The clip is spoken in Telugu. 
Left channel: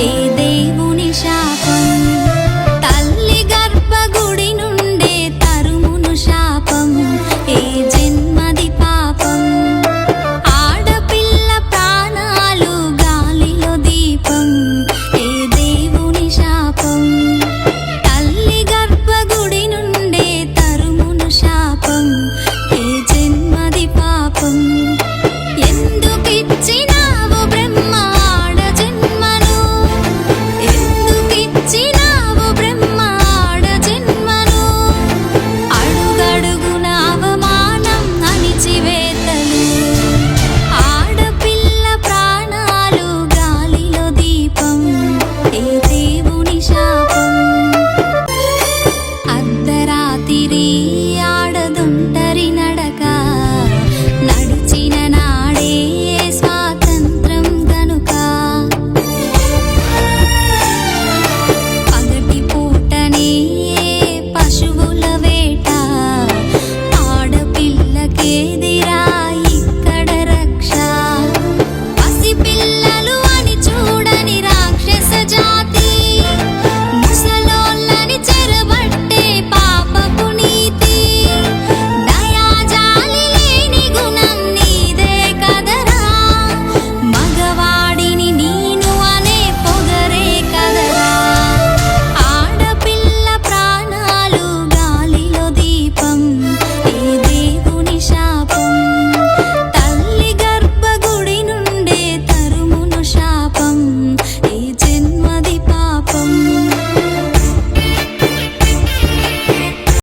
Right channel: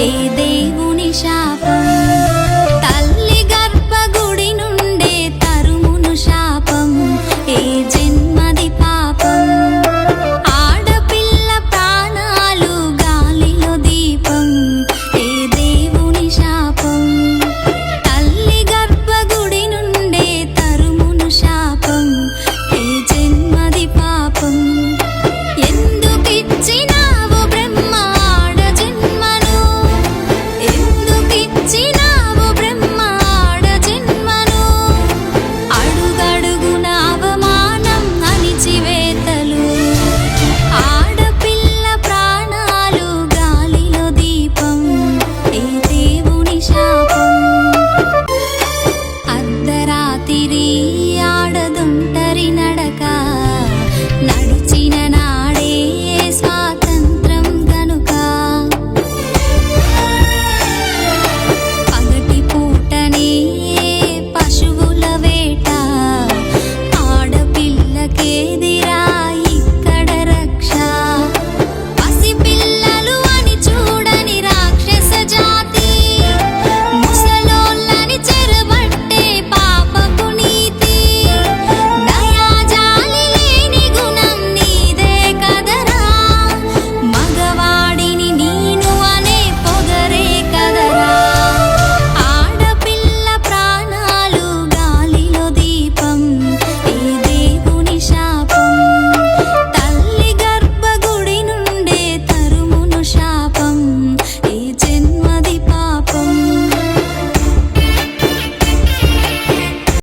ఏ దేవుని శాపం? తల్లి గర్భగుడి నుండే తరుమును శాపం. ఏ జన్మది పాపం? ఆడపిల్ల ప్రాణాలు గాలిలో దీపం. ఏ దేవుని శాపం? తల్లి గర్భగుడి నుండే తరుమును శాపం. ఏ జన్మది పాపం? 美丽。